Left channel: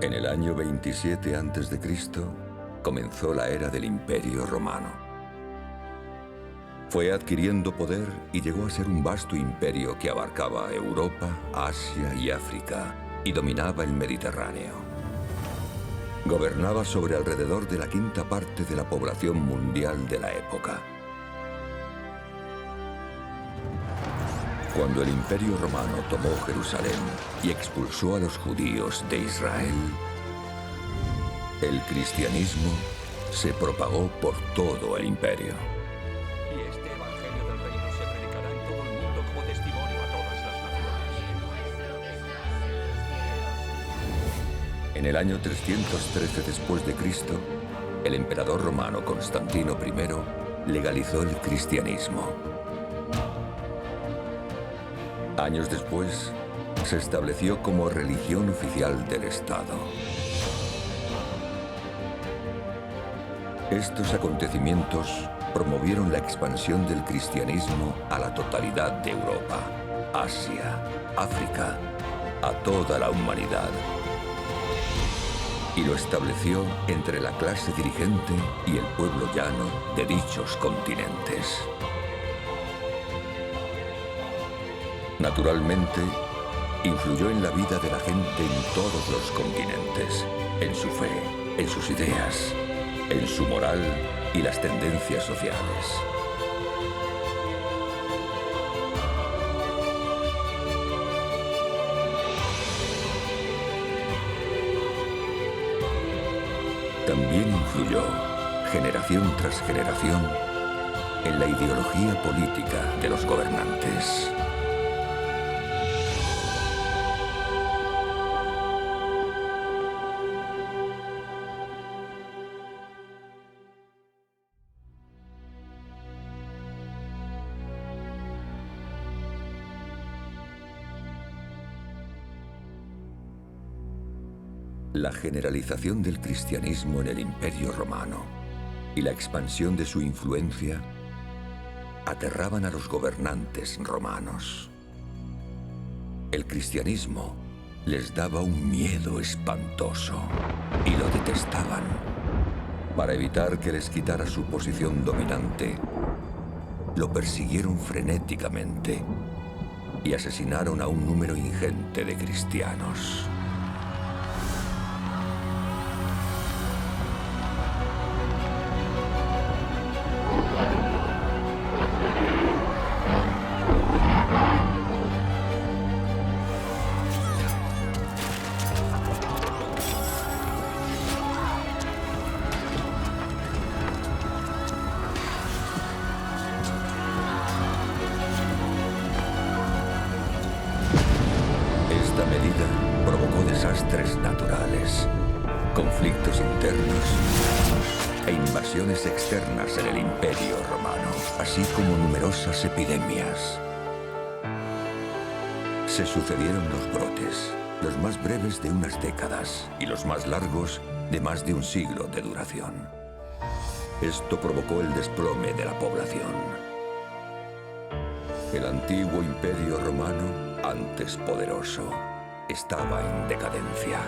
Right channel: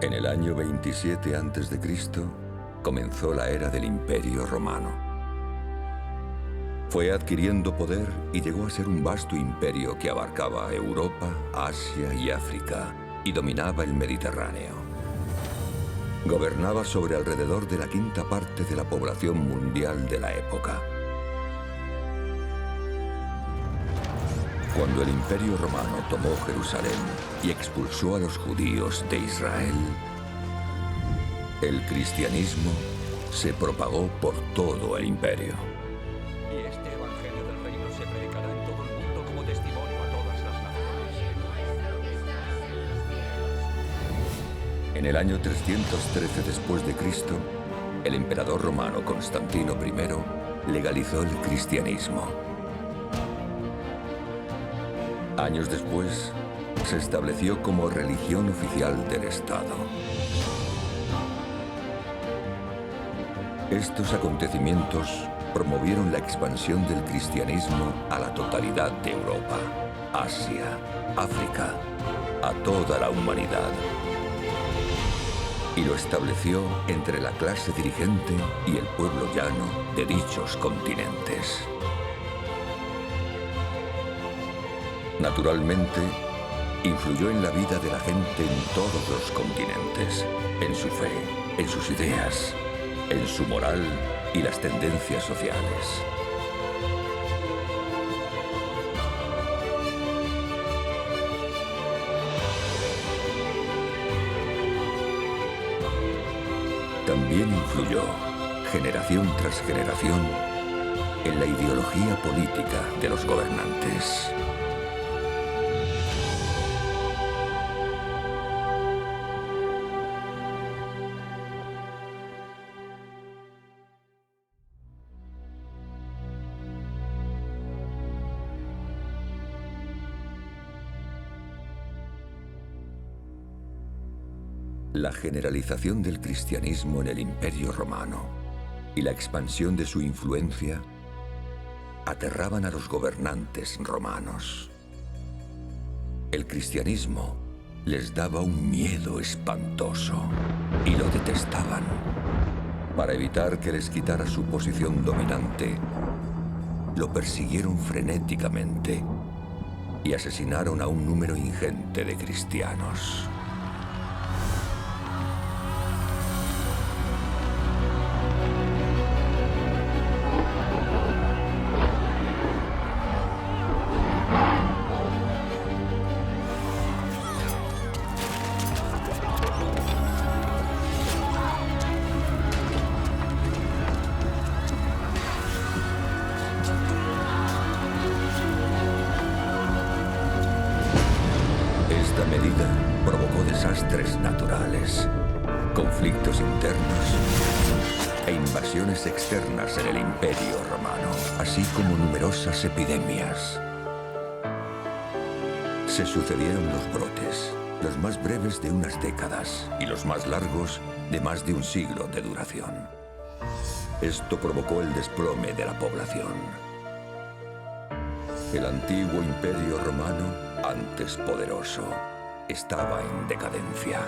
En el año 27 a.C. comenzó la era del Imperio Romano. Fue adquiriendo poder y llegó a ser un vasto imperio que abarcaba Europa, Asia y África y dominaba el Mediterráneo. Gobernaba sobre alrededor de la quinta parte de la población mundial de la época. Cuando el Imperio Romano tomó Jerusalén y expulsó a los judíos de Israel, el cristianismo se propagó por todo el imperio. Y este evangelio del reino se predicará en todo el mundo como testimonio a todas las naciones. En el año 313 después de Cristo, el emperador romano Constantino I legalizó el cristianismo. Años después, se estableció como religión oficial del Estado. Estos acontecimientos promovieron la expansión del cristianismo a la totalidad de Europa, Asia, África, a toda la humanidad. Y lo estableció entre la clase dirigente y el pueblo llano de dichos continentes. Naturalmente, influyó en la vida de la gente en todos los continentes, en su fe, en sus ideas, en su moral y las tendencias sociales. También influyó, generación tras generación, en la ideología política de los gobernantes. La generalización del cristianismo en el Imperio Romano y la expansión de su influencia aterraban a los gobernantes romanos. El cristianismo les daba un miedo espantoso y lo detestaban. Para evitar que les quitara su posición dominante, lo persiguieron frenéticamente y asesinaron a un número ingente de cristianos. Esta medida provocó desastres naturales, conflictos internos e invasiones externas en el Imperio Romano, así como numerosas epidemias. Se sucedieron los brotes, los más breves de unas décadas y los más largos de más de un siglo de duración. Esto provocó el desplome de la población. El antiguo Imperio Romano, antes poderoso, estaba en decadencia.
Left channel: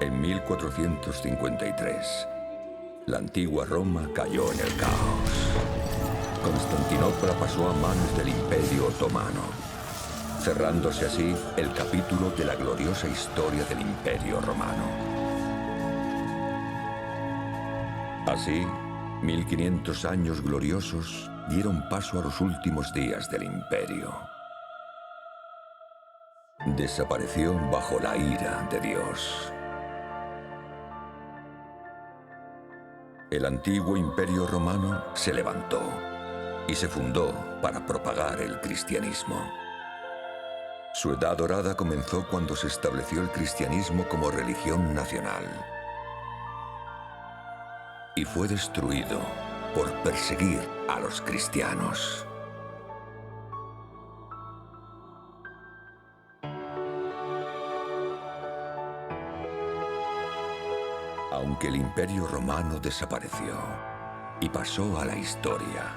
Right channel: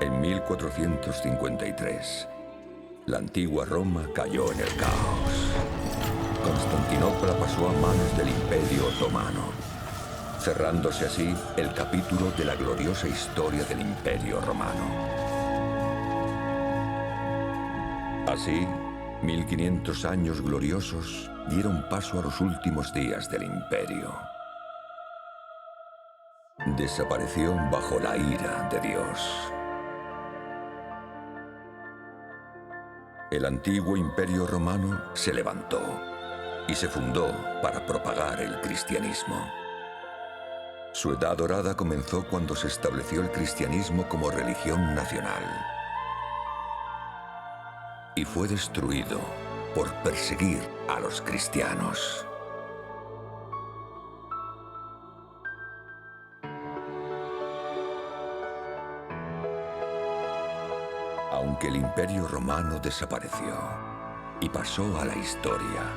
En 1453, la antigua Roma cayó en el caos. Constantinopla pasó a manos del Imperio Otomano, cerrándose así el capítulo de la gloriosa historia del Imperio Romano. Así, 1500 años gloriosos dieron paso a los últimos días del imperio. Desapareció bajo la ira de Dios. El antiguo imperio romano se levantó y se fundó para propagar el cristianismo. Su edad dorada comenzó cuando se estableció el cristianismo como religión nacional y fue destruido por perseguir a los cristianos. Aunque el imperio romano desapareció y pasó a la historia,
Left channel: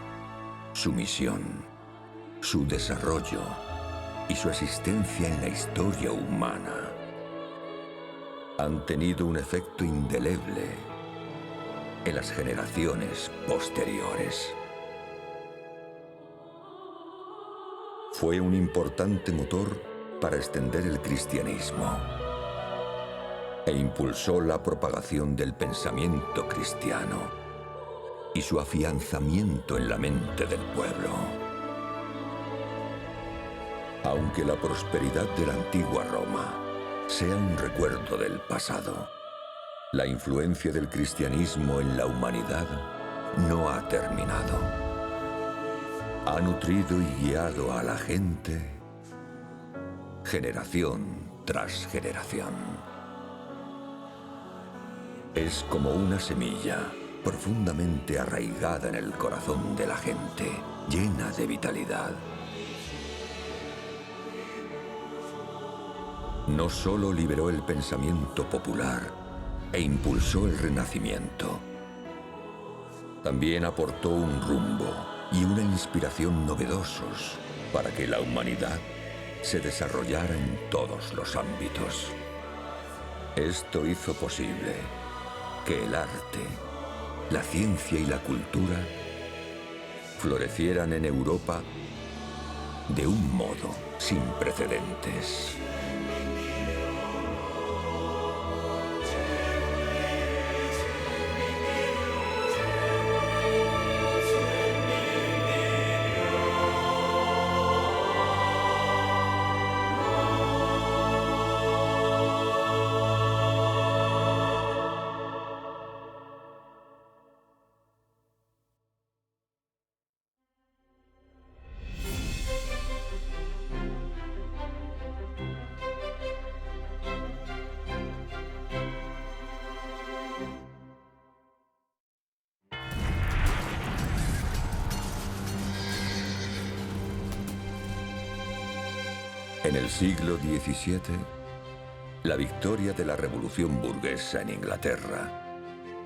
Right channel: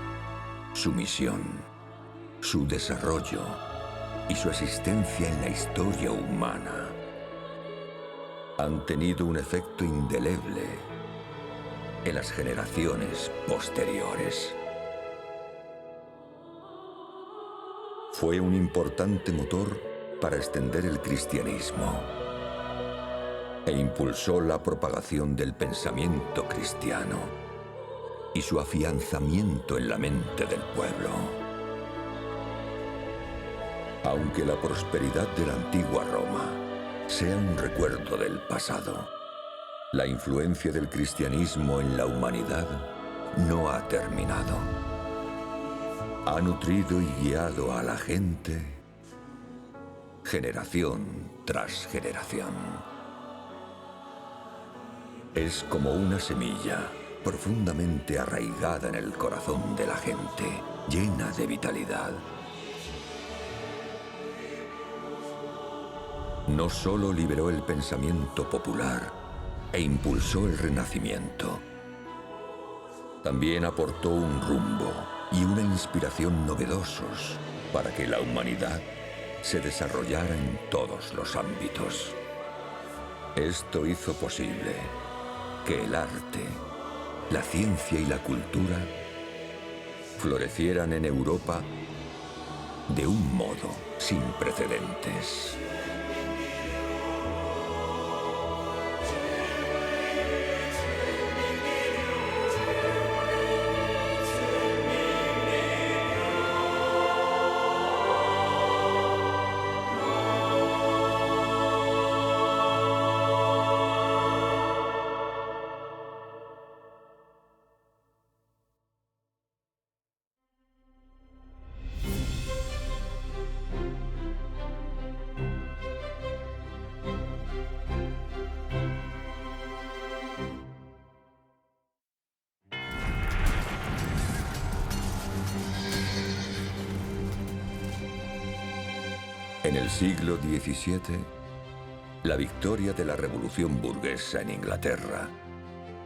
su misión, su desarrollo y su existencia en la historia humana han tenido un efecto indeleble en las generaciones posteriores. Fue un importante motor para extender el cristianismo e impulsó la propagación del pensamiento cristiano y su afianzamiento en la mente del pueblo. Aunque la prosperidad de la antigua Roma sea un recuerdo del pasado, la influencia del cristianismo en la humanidad no ha terminado. Ha nutrido y guiado a la gente generación tras generación. Es como una semilla profundamente arraigada en el corazón de la gente, llena de vitalidad. No solo liberó el pensamiento popular e impulsó el Renacimiento, también aportó un rumbo y una inspiración novedosos para que la humanidad se desarrollara en todos los ámbitos. Esto hizo posible que el arte, la ciencia y la cultura florecieran en Europa de un modo sin precedentes. En el siglo XVII, la victoria de la Revolución burguesa en Inglaterra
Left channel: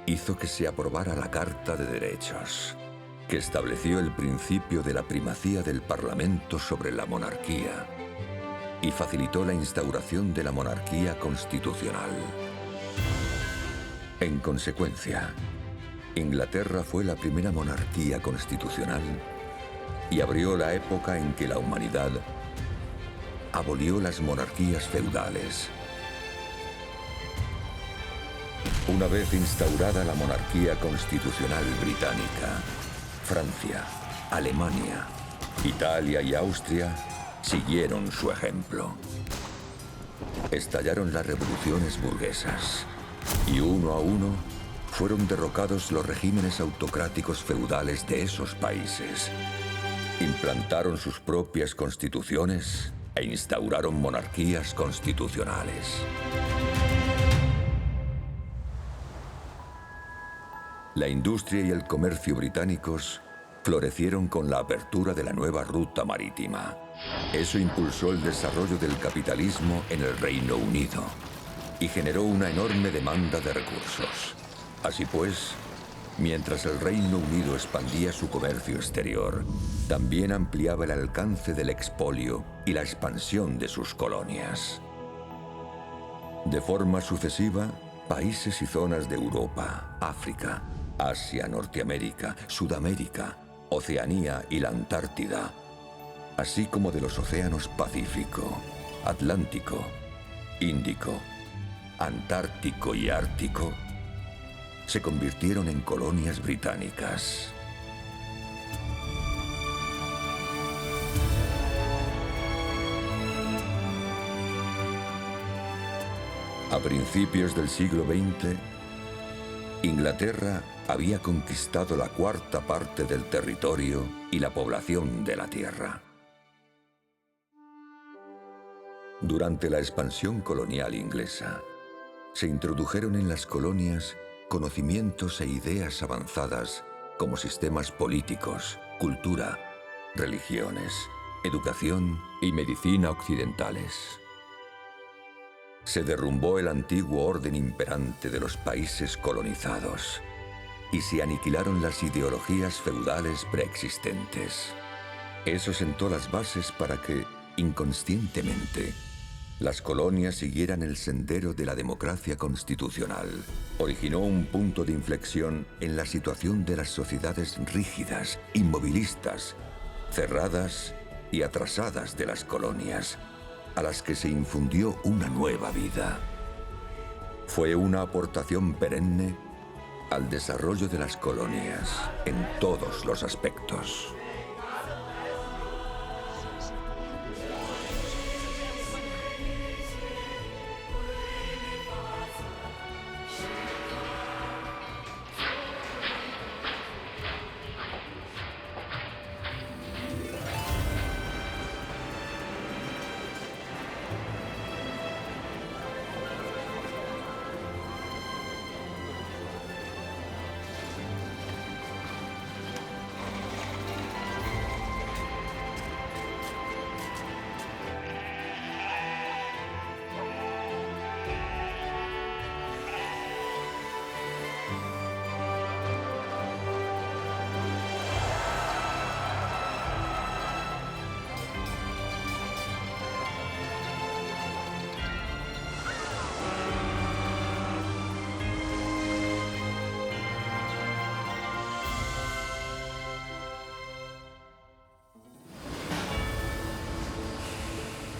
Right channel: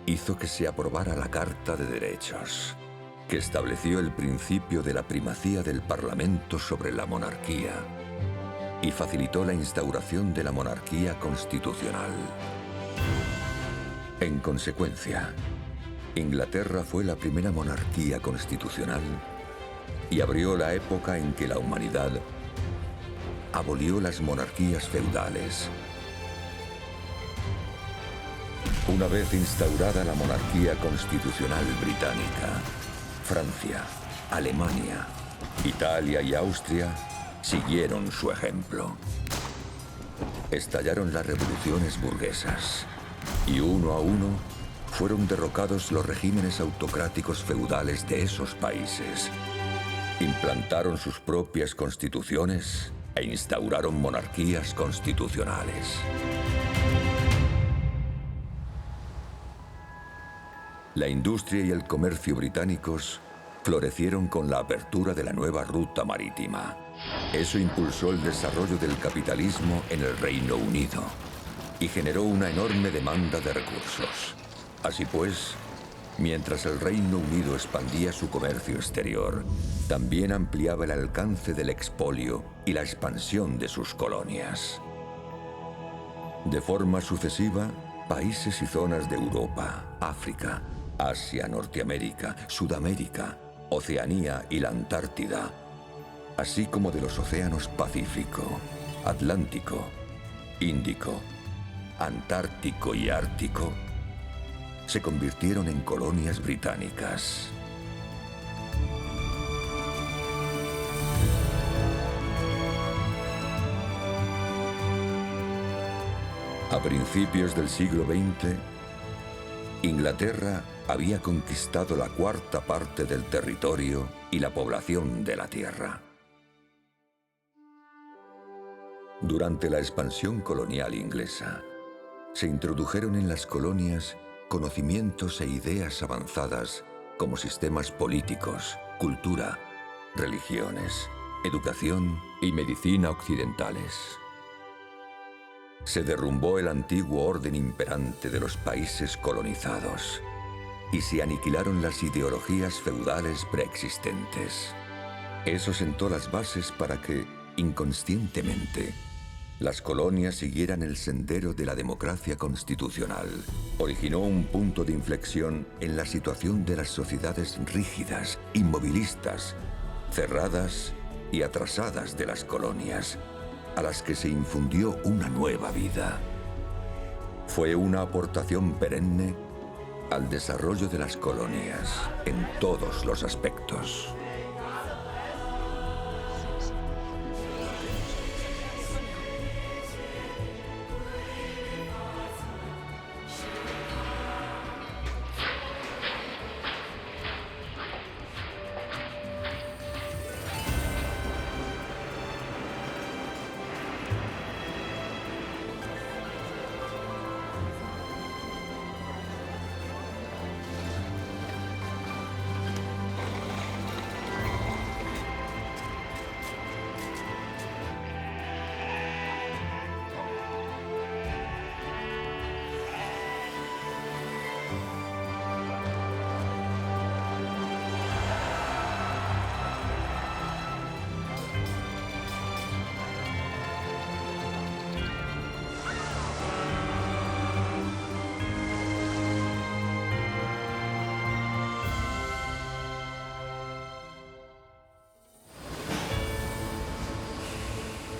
hizo que se aprobara la Carta de Derechos, que estableció el principio de la primacía del Parlamento sobre la monarquía y facilitó la instauración de la monarquía constitucional. En consecuencia, Inglaterra fue la primera monarquía constitucional y abrió la época en que la humanidad abolió las monarquías feudales. Una vez instaurada la monarquía constitucional británica, Francia, Alemania, Italia y Austria siguieron su ejemplo. Estallaron las revoluciones burguesas y uno a uno fueron derrocados los regímenes autocráticos feudales de esos países. Implantaron sus propias constituciones e instauraron monarquías constitucionales. La industria y el comercio británicos florecieron con la apertura de la nueva ruta marítima. Eso impulsó el desarrollo del capitalismo en el Reino Unido y generó una enorme demanda de recursos. Así pues, mientras el Reino Unido expandía su comercio exterior, también ampliaba el alcance del expolio y la expansión de sus colonias. De forma sucesiva, países y zonas de Europa, África, Asia, Norteamérica, Sudamérica, Oceanía y la Antártida, así como de los océanos Pacífico, Atlántico, Índico, Antártico y Ártico, se convirtieron en colonias británicas. A principios del siglo XX, Inglaterra había conquistado la cuarta parte del territorio y la población de la tierra. Durante la expansión colonial inglesa, se introdujeron en las colonias conocimientos e ideas avanzadas como sistemas políticos, cultura, religiones, educación y medicina occidentales. Se derrumbó el antiguo orden imperante de los países colonizados y se aniquilaron las ideologías feudales preexistentes. Eso sentó las bases para que, inconscientemente, las colonias siguieran el sendero de la democracia constitucional. Originó un punto de inflexión en la situación de las sociedades rígidas, inmovilistas, cerradas y atrasadas de las colonias, a las que se infundió una nueva vida. Fue una aportación perenne al desarrollo de las colonias en todos los aspectos.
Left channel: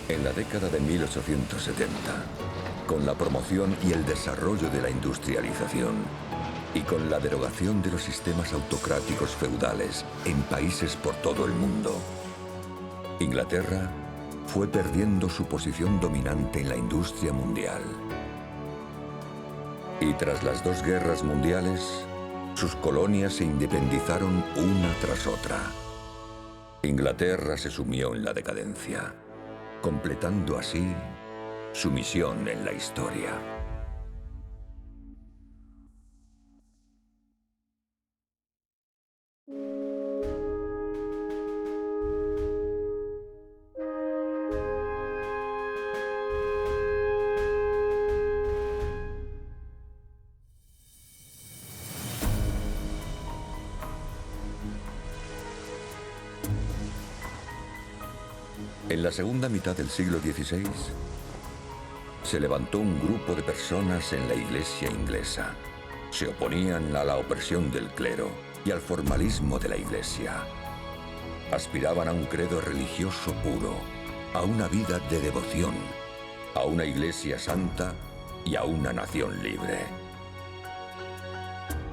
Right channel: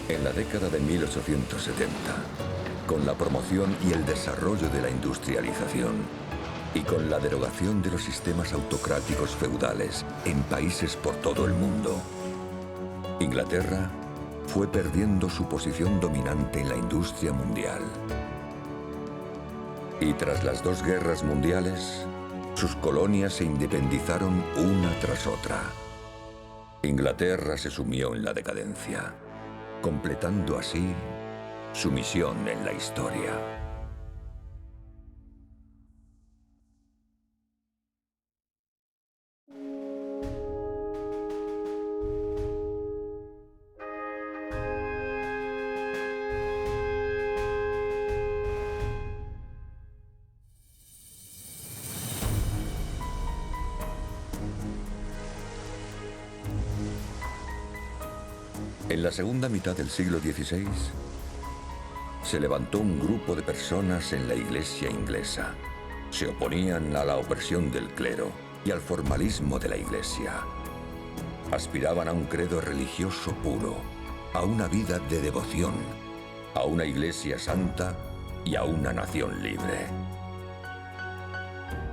En la década de 1870, con la promoción y el desarrollo de la industrialización y con la derogación de los sistemas autocráticos feudales en países por todo el mundo, Inglaterra fue perdiendo su posición dominante en la industria mundial. Y tras las dos guerras mundiales, sus colonias se independizaron una tras otra. Inglaterra se sumió en la decadencia, completando así su misión en la historia. En la segunda mitad del siglo XVI, se levantó un grupo de personas en la Iglesia inglesa. Se oponían a la opresión del clero y al formalismo de la Iglesia. Aspiraban a un credo religioso puro, a una vida de devoción, a una Iglesia santa y a una nación libre.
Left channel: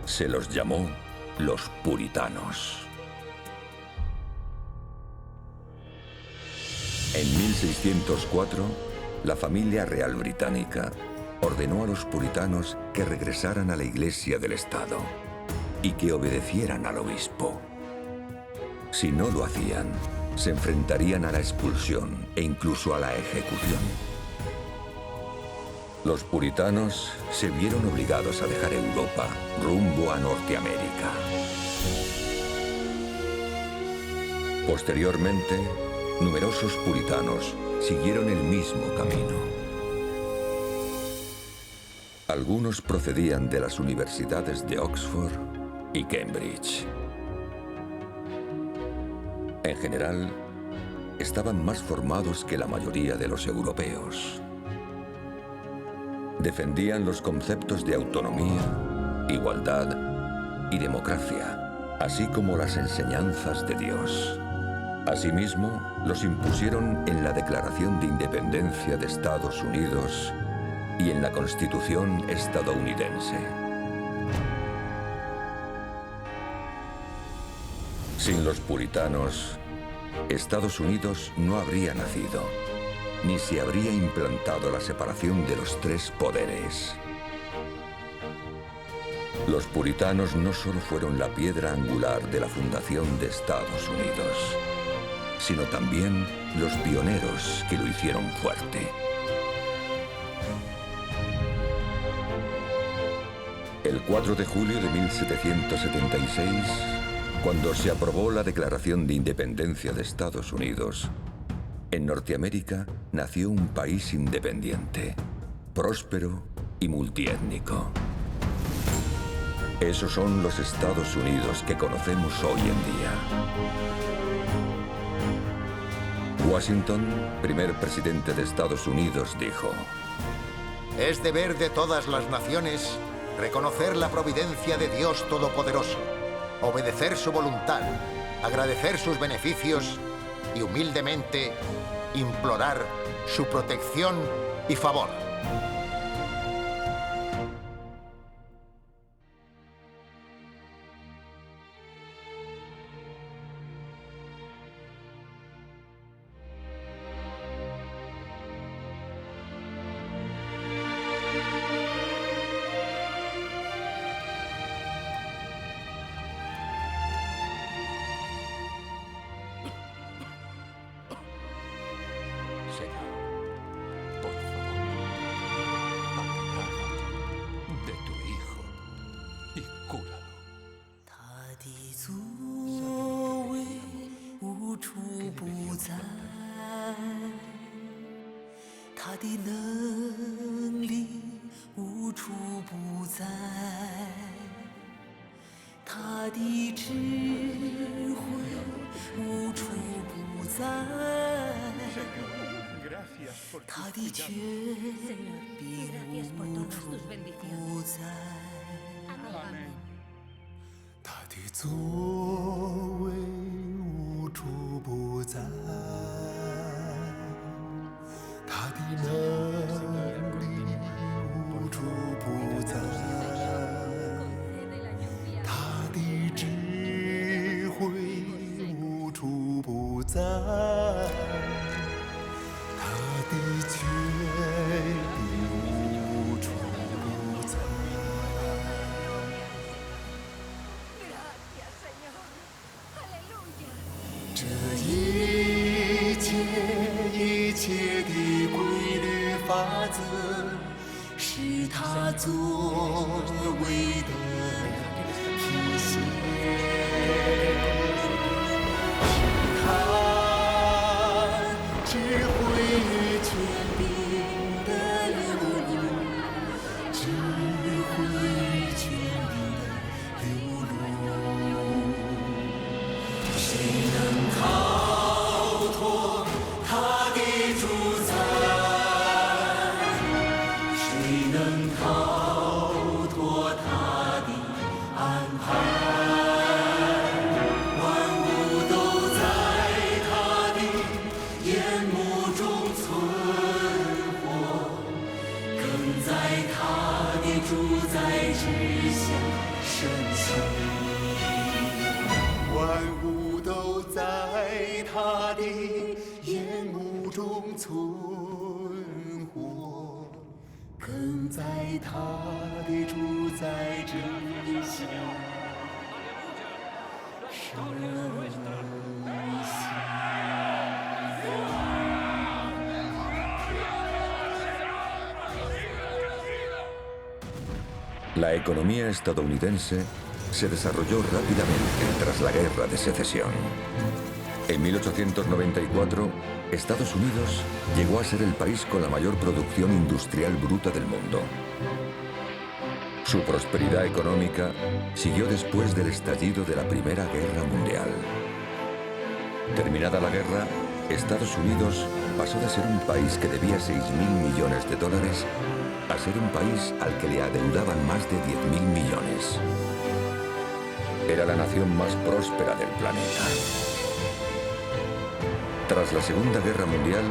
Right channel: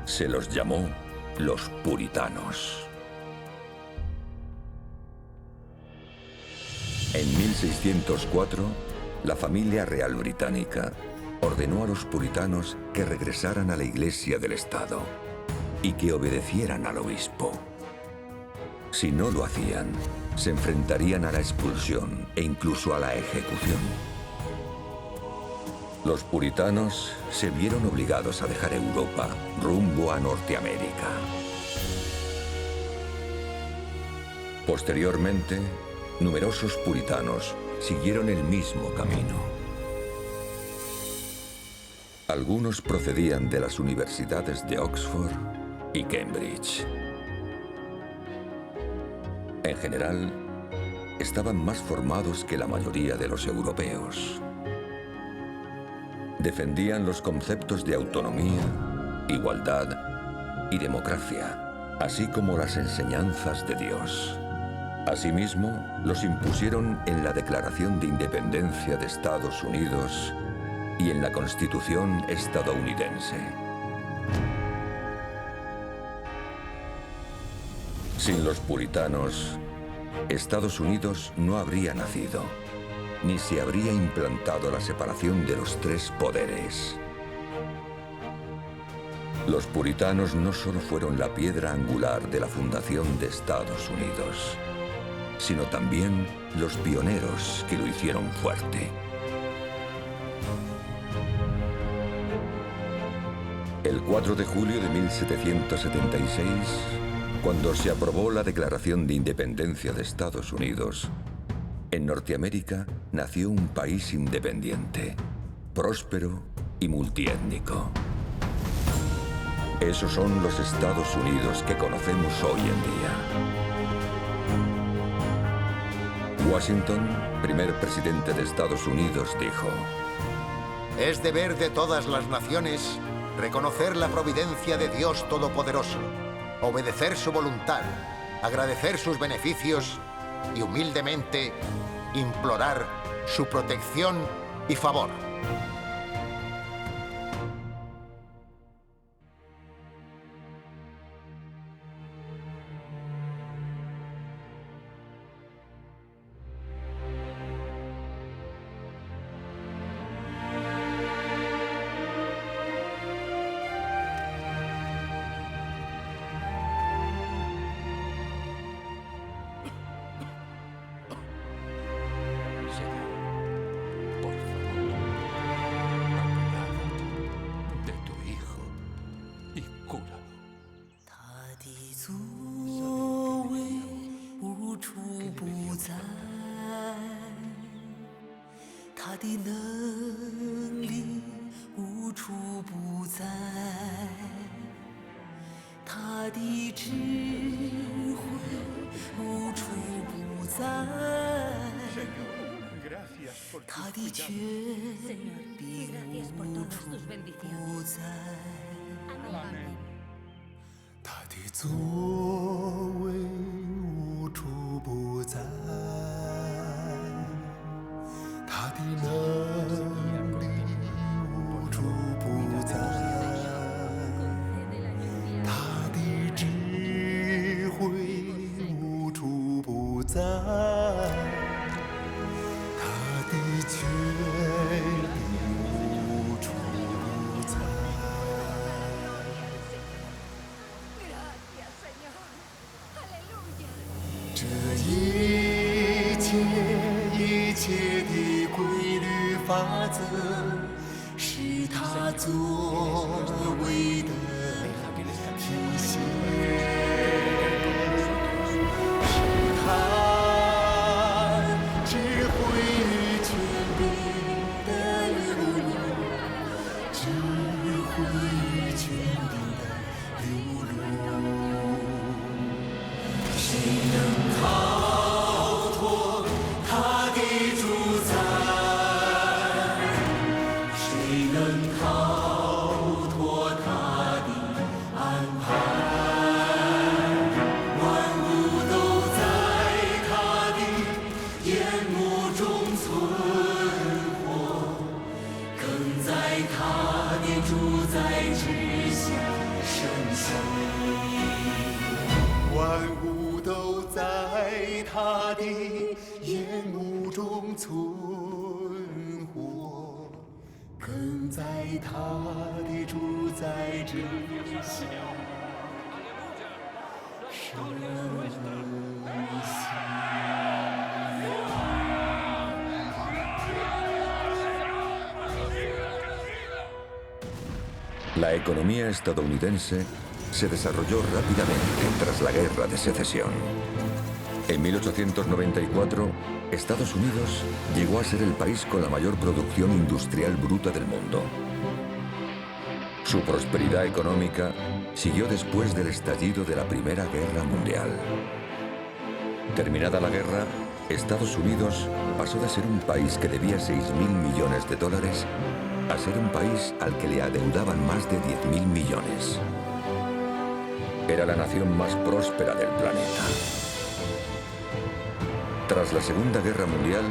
Se los llamó los puritanos. En 1604, la familia real británica ordenó a los puritanos que regresaran a la Iglesia del Estado y que obedecieran al obispo. Si no lo hacían, se enfrentarían a la expulsión e incluso a la ejecución. Los puritanos se vieron obligados a dejar Europa rumbo a Norteamérica. Posteriormente, numerosos puritanos siguieron el mismo camino. Algunos procedían de las universidades de Oxford y Cambridge. En general, estaban más formados que la mayoría de los europeos. Defendían los conceptos de autonomía, igualdad y democracia, así como las enseñanzas de Dios. Asimismo, los impusieron en la Declaración de Independencia de Estados Unidos y en la Constitución estadounidense. Sin los puritanos, Estados Unidos no habría nacido, ni se habría implantado la separación de los tres poderes. Los puritanos no solo fueron la piedra angular de la fundación de Estados Unidos, sino también los pioneros que lo hicieron fuerte. El 4 de julio de 1776, cuando se aprobó la Declaración de Independencia de Estados Unidos, en Norteamérica nació un país independiente, próspero y multiétnico. Esos son los Estados Unidos que conocemos hoy en día. Washington, primer presidente de Estados Unidos, dijo: Es deber de todas las naciones reconocer la providencia de Dios Todopoderoso, obedecer su voluntad, agradecer sus beneficios y humildemente implorar su protección y favor. Señor, por favor, apiádate de tu hijo y cúralo. 他的作为无处不在，他的能力无处不在，他的智慧无处不在。 他的权柄无处不在，他的作为无处不在，他的能力无处不在，他的智慧无处不在。 的权柄无处不在。这一切的规律法则，是他作为的体现，是他智慧。 权柄的流露，智慧权柄的流露，谁能逃脱他的主宰？谁能逃脱他的安排？万物都在他的眼目中存。 在他的主宰之下升起，万物都在他的眼目中存活，更在他的主宰之下升起。 La economía estadounidense se desarrolló rápidamente tras la Guerra de Secesión. En 1894, Estados Unidos llegó a ser el país con la mayor producción industrial bruta del mundo. Su prosperidad económica siguió después del estallido de la Primera Guerra Mundial. Terminada la guerra, Estados Unidos pasó de ser un país que debía 6.000 millones de dólares a ser un país al que le adeudaban más de 10.000 millones. Era la nación más próspera del planeta. Tras la Segunda Guerra Mundial,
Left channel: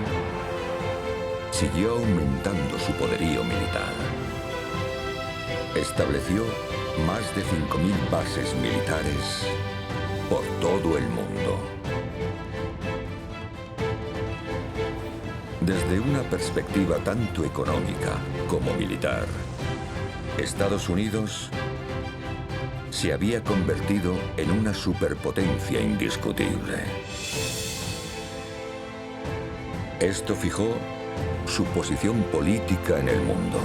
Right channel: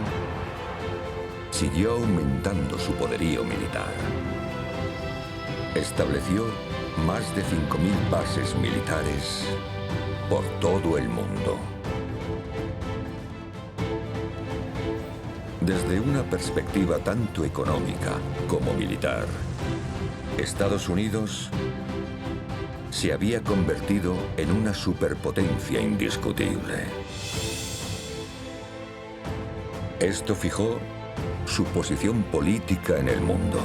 siguió aumentando su poderío militar. Estableció más de 5.000 bases militares por todo el mundo. Desde una perspectiva tanto económica como militar, Estados Unidos se había convertido en una superpotencia indiscutible. Esto fijó su posición política en el mundo.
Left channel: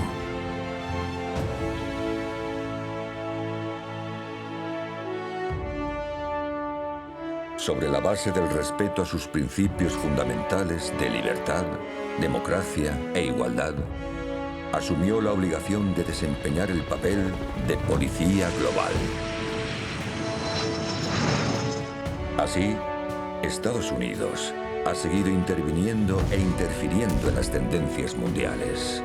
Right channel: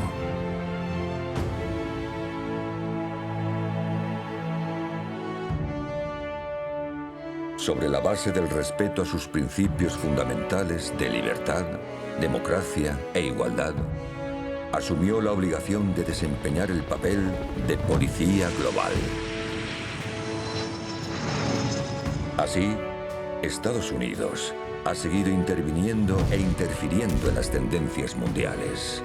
Sobre la base del respeto a sus principios fundamentales de libertad, democracia e igualdad, asumió la obligación de desempeñar el papel de policía global. Así, Estados Unidos ha seguido interviniendo e interfiriendo en las tendencias mundiales,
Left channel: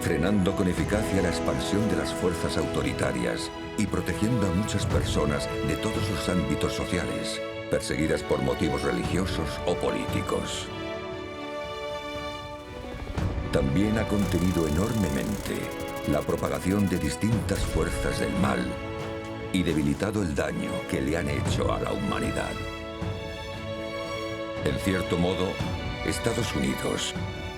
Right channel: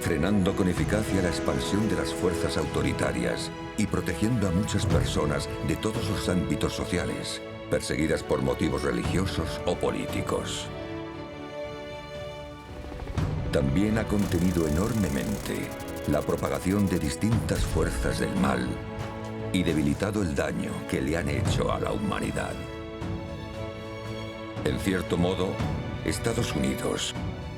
frenando con eficacia la expansión de las fuerzas autoritarias y protegiendo a muchas personas de todos los ámbitos sociales, perseguidas por motivos religiosos o políticos. También ha contenido enormemente la propagación de distintas fuerzas del mal y debilitado el daño que le han hecho a la humanidad. En cierto modo, Estados Unidos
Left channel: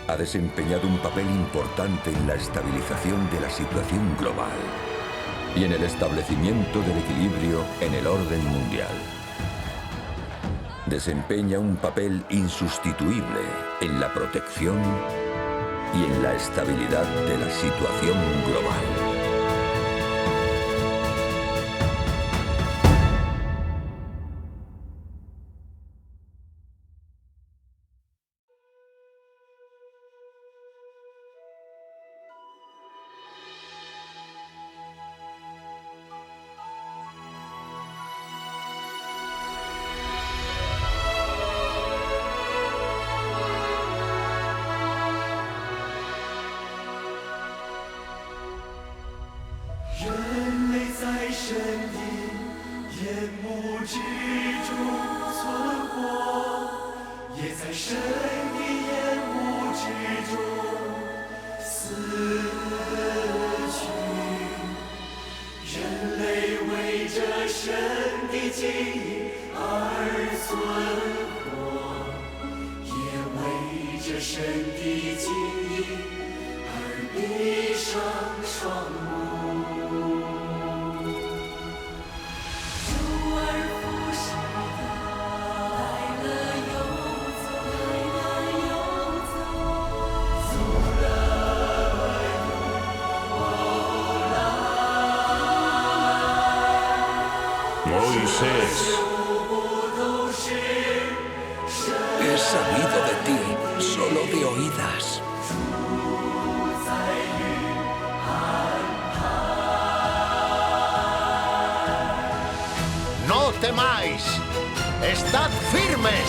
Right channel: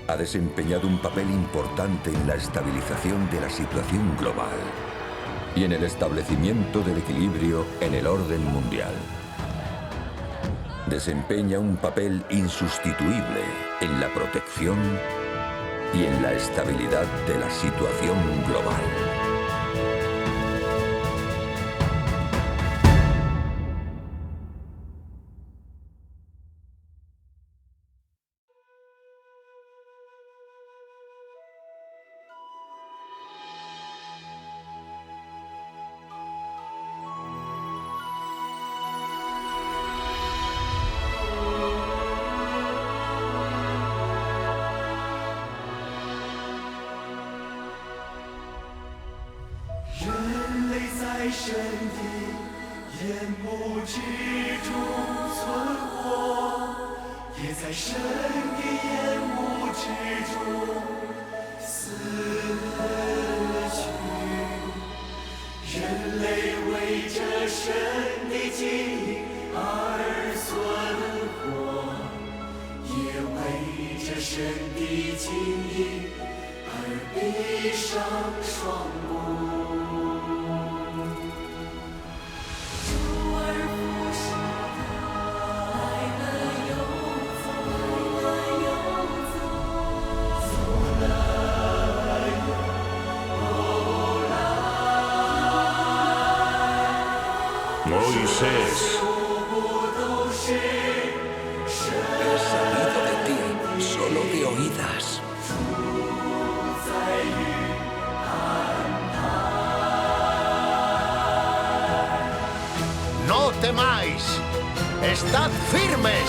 ha desempeñado un papel importante en la estabilización de la situación global y en el establecimiento del equilibrio en el orden mundial. Desempeña un papel insustituible en la protección y en la estabilidad de la situación global. Moisés, He sabido de ti solo de oídas. ¡No temáis! ¡Estad firmes!